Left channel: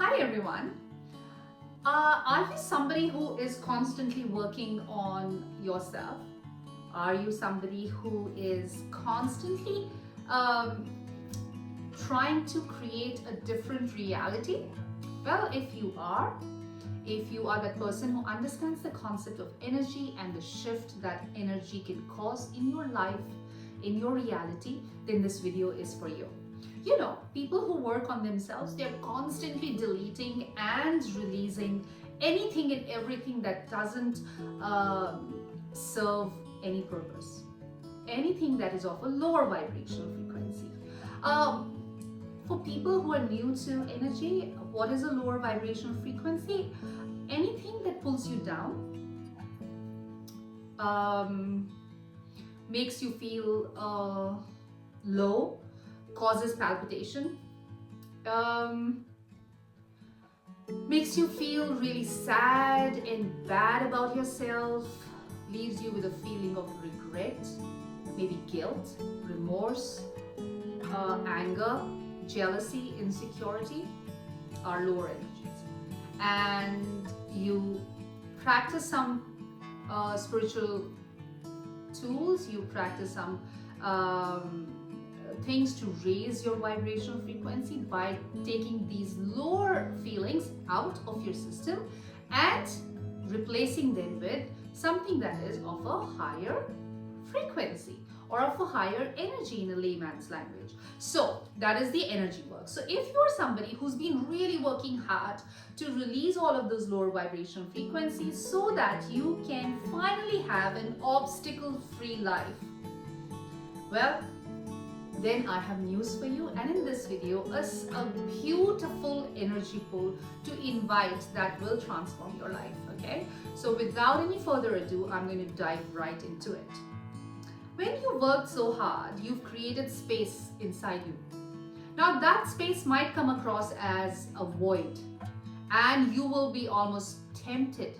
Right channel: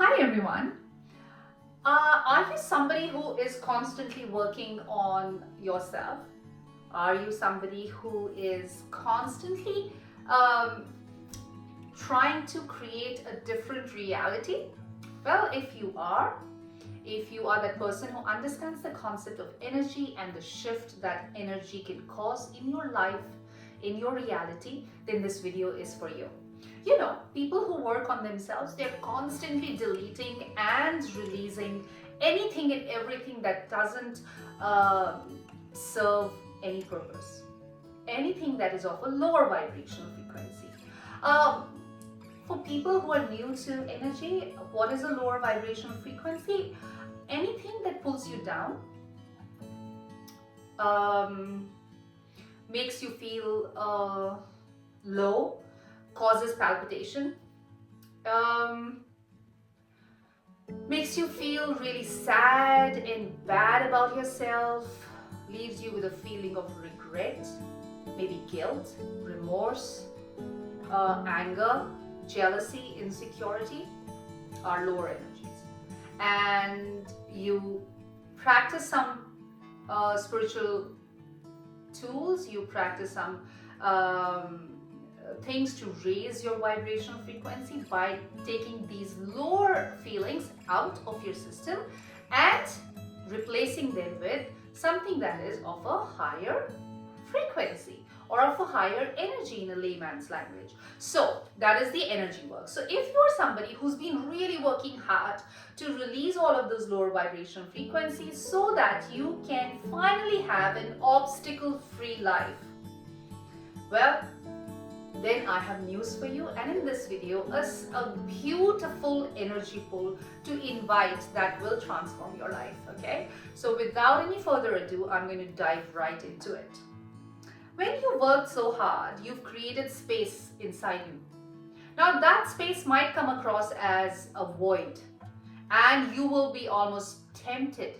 Hi everyone. Are you somebody who is constantly working on yourself? Are you somebody who is constantly um, trying to create a different reality? Well, if you are that person who understands the concept of energy and the shift that energy can cause in your life, in your reality, then this video is for you. You know, people who work on themselves, they're constantly deleting and releasing anything and everything that doesn't serve any purpose, anything that is of a lower vibrational frequency. Um, for people who are new to energy, what is a lower vibrational frequency? Anything that pulls you down, um, makes you feel low, causes palpitation, um, makes you feel really sad and bad about yourself, leaves you with a feeling of regret, maybe guilt, remorse, anger, jealousy, insecurity are lower energies. And you practice some spiritual tools, you practice some things to raise your vibrational frequency by taking these lower feelings out of your system and replacing them with something that is of a higher frequency or of a higher energy in a layman's language. So that is the energy work. So if you're somebody who's been really working hard to release all of those lower vibrational frequencies so that you can finally have an obstacle-free life, well, then I have news for you, and in this video a beautiful energy pull to invite that will transform your life. Okay, so without any further ado, I'm going to dive right into it. When you worked so hard, you've created space inside you. Now that space might come across as a void, and you will be almost tempted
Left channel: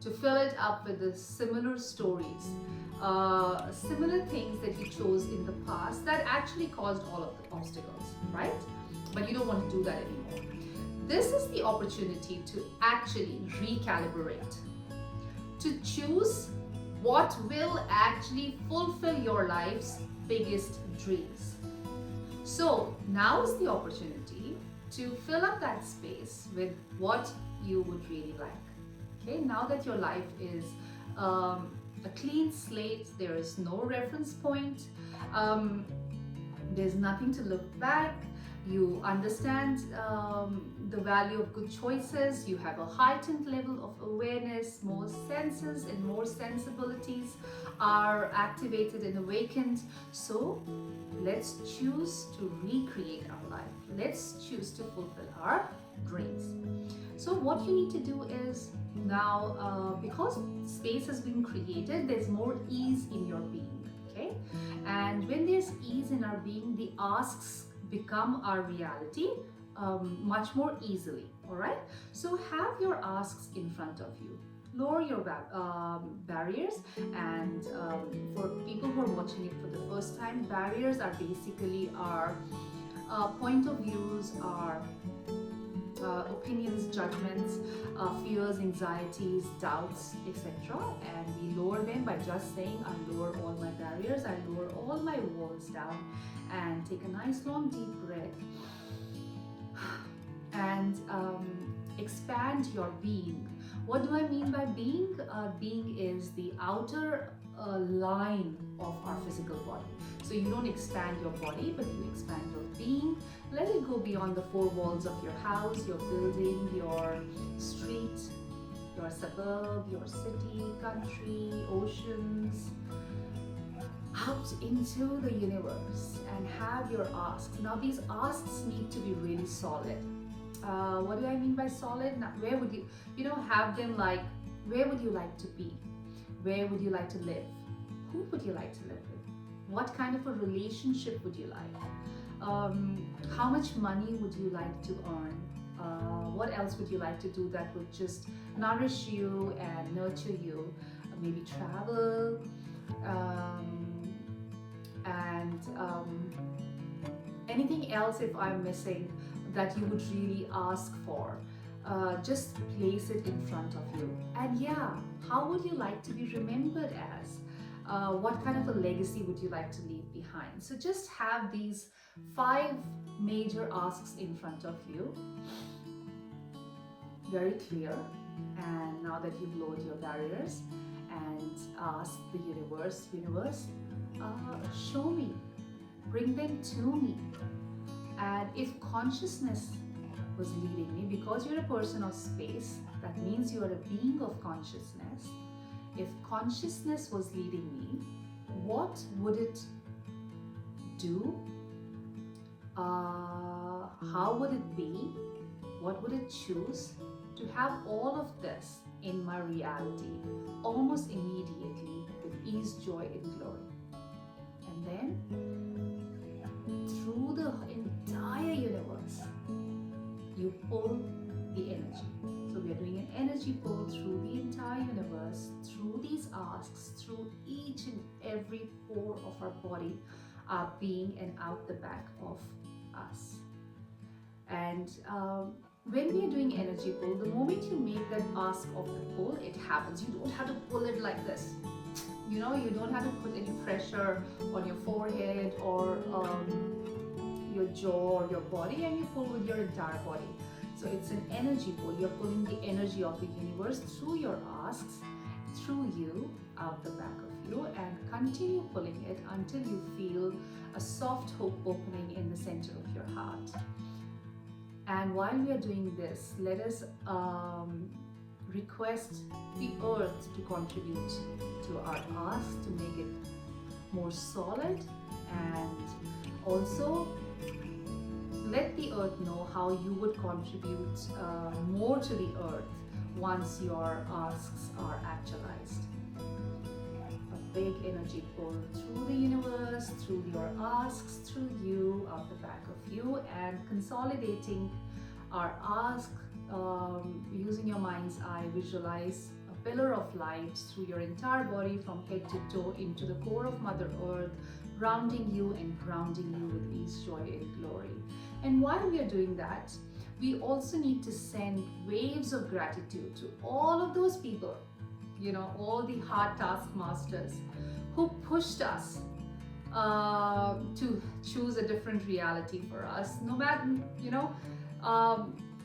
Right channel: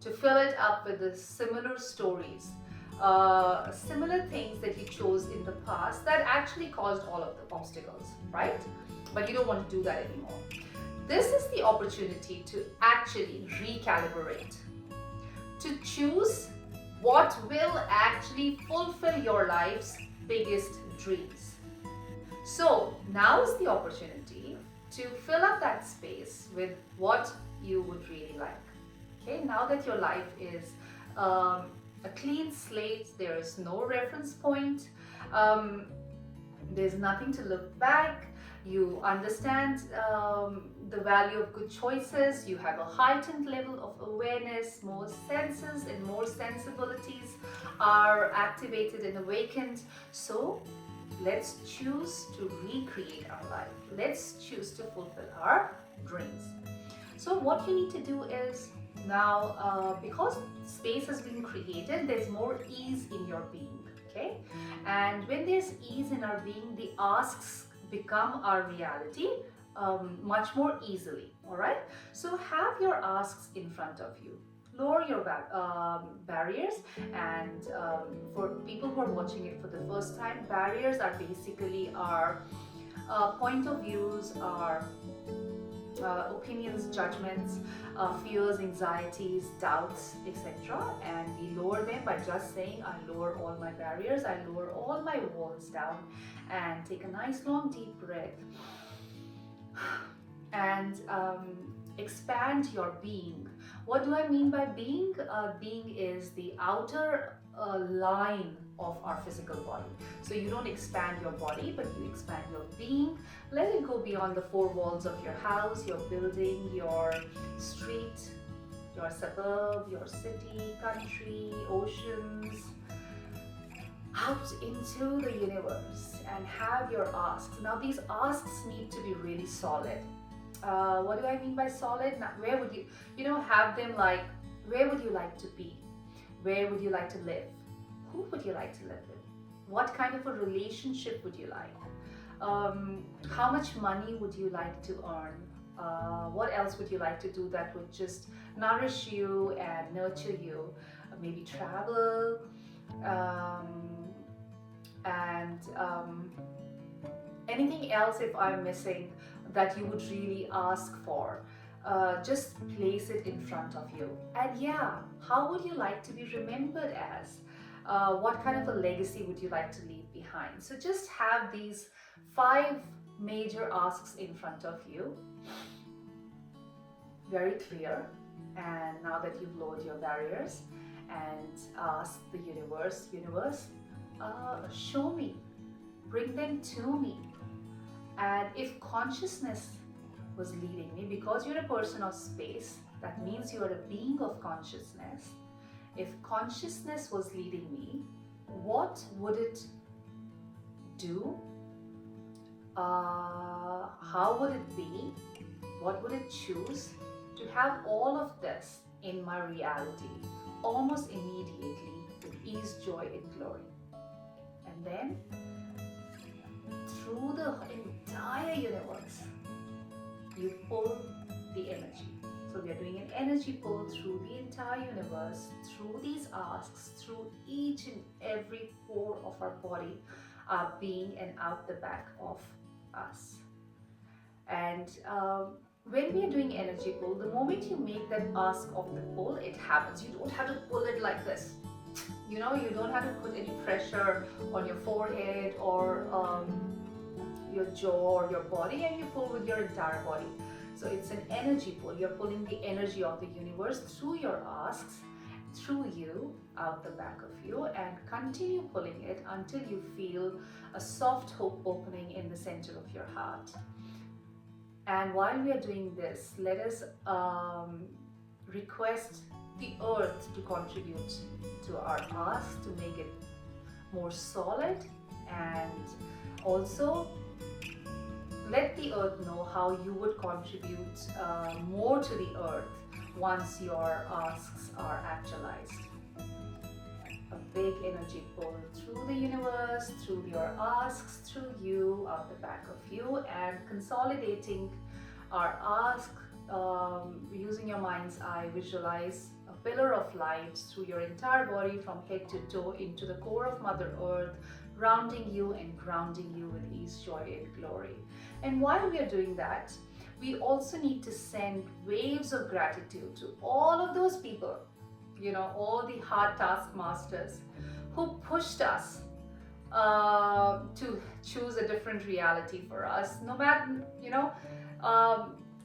to fill it up with the similar stories, similar things that you chose in the past that actually caused all of the obstacles, right? But you don't want to do that anymore. This is the opportunity to actually recalibrate, to choose what will actually fulfill your life's biggest dreams. So now is the opportunity to fill up that space with what you would really like. Okay, now that your life is a clean slate, there is no reference point, there's nothing to look back, you understand the value of good choices, you have a heightened level of awareness, more senses and more sensibilities are activated and awakened. So let's choose to recreate our life. Let's choose to fulfill our dreams. So what you need to do is now, because space has been created, there's more ease in your being, okay? And when there's ease in our being, the asks become our reality much more easily, all right? So have your asks in front of you. Lower your barriers, and for people who are watching it for the first time, barriers are basically our point of views, our opinions, judgments, fears, anxieties, doubts, etc. And we lower them by just saying, I lower all my barriers, I lower all my walls down, and take a nice long deep breath and expand your being. What do I mean by being? Being is the outer line of our physical body. So you don't expand your body, but you expand your being. Let it go beyond the four walls of your house, your building, your street, your suburb, your city, country, oceans, out into the universe and have your asks. Now these asks need to be really solid. What do I mean by solid? Now, where would you have them like, where would you like to be? Where would you like to live? Who would you like to live with? What kind of a relationship would you like? How much money would you like to earn? What else would you like to do that would just nourish you and nurture you? Maybe travel, and anything else if I'm missing. that you would really ask for. Just place it in front of you. And yeah, how would you like to be remembered as? What kind of a legacy would you like to leave behind? So just have these 5 major asks in front of you, very clear. And now that you've lowered your barriers, and ask the universe, show me, bring them to me. And if consciousness was leading me, because you're a person of space, that means you are a being of consciousness. If consciousness was leading me, what would it do? How would it be? What would it choose to have all of this in my reality almost immediately with ease, joy, and glory? And then through the entire universe, you pull the energy. So we are doing an energy pull through the entire universe, through these asks, through each and every pore of our body, our being, and out the back of us. And when we are doing energy pull, the moment you make that ask of the pull, it happens. You don't have to pull it like this. You don't have to put any pressure on your forehead or your jaw or your body, and you pull with your entire body. So it's an energy pull. You're pulling the energy of the universe through your asks, through you, out the back of you, and continue pulling it until you feel a soft hope opening in the center of your heart. And while we are doing this, let us request the earth to contribute to our ask, to make it more solid, and also let the earth know how you would contribute more to the earth once your asks are actualized. A big energy pull through the universe, through your asks, through you, out the back of you, and consolidating our ask. Using your mind's eye, visualize a pillar of light through your entire body from head to toe into the core of Mother Earth, rounding you and grounding you with ease, joy, and glory. And while we are doing that, we also need to send waves of gratitude to all of those people, all the hard taskmasters who pushed us to choose a different reality for us. No matter,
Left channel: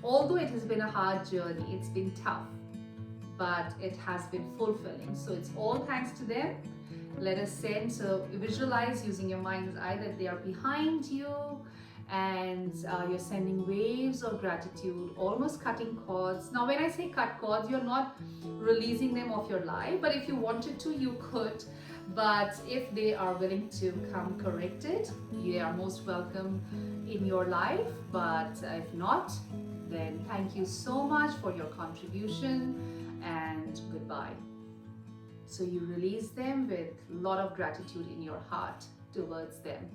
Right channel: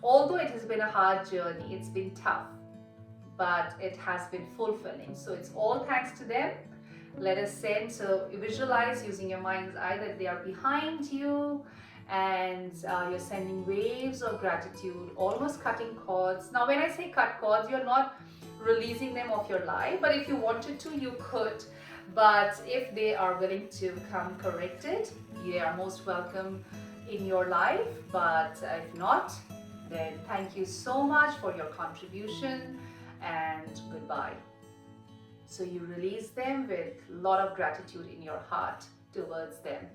although it has been a hard journey, it's been tough, but it has been fulfilling. So it's all thanks to them. Let us send, so visualize using your mind's eye that they are behind you, and you're sending waves of gratitude, almost cutting cords. Now when I say cut cords, you're not releasing them off your life, but if you wanted to, you could. But if they are willing to come corrected, they are most welcome in your life. But if not, then thank you so much for your contribution, and goodbye. So you release them with a lot of gratitude in your heart towards them.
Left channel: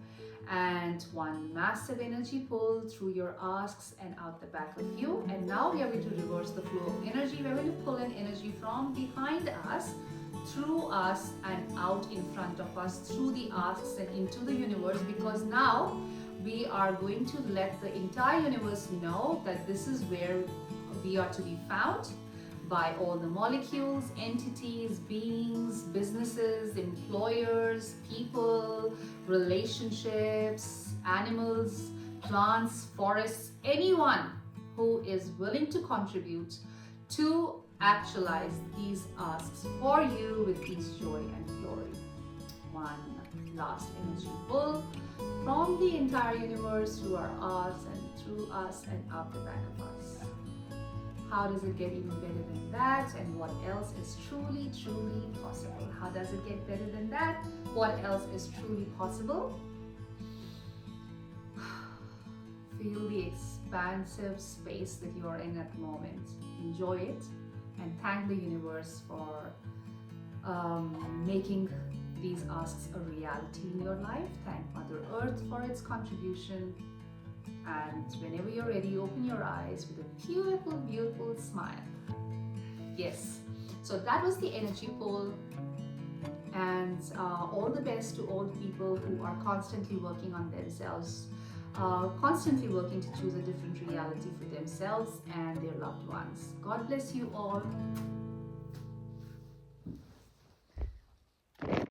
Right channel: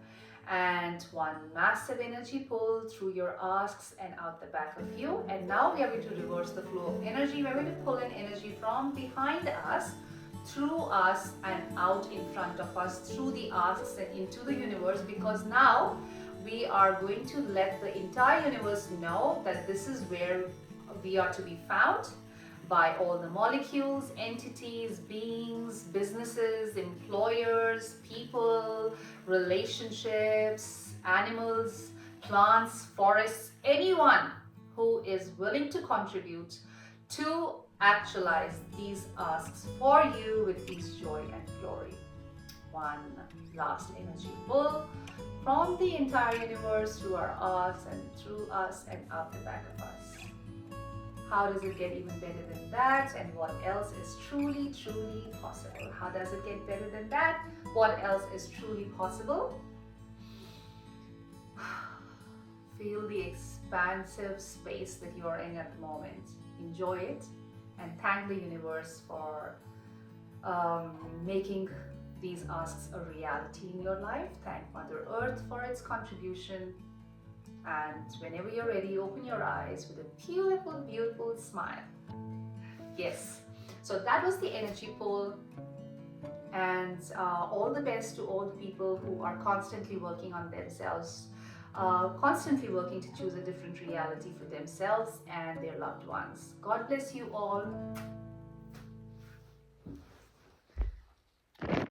And one massive energy pull through your asks and out the back of you. And now we are going to reverse the flow of energy. We're going to pull in energy from behind us, through us, and out in front of us, through the asks and into the universe, because now we are going to let the entire universe know that this is where we are to be found by all the molecules, entities, beings, businesses, employers, people, relationships, animals, plants, forests, anyone who is willing to contribute to actualize these asks for you with ease, joy, and glory. One last energy pull from the entire universe through our asks and through us and out the back of us. How does it get even better than that? And what else is truly, truly possible? How does it get better than that? What else is truly possible? Feel the expansive space that you are in at the moment. Enjoy it, and thank the universe for making these asks a reality in your life. Thank Mother Earth for its contribution. And whenever you're ready, open your eyes with a beautiful, beautiful smile. Yes, so that was the energy pull. And all the best to all the people who are constantly working on themselves, constantly working to choose a different reality for themselves and their loved ones. God bless you all.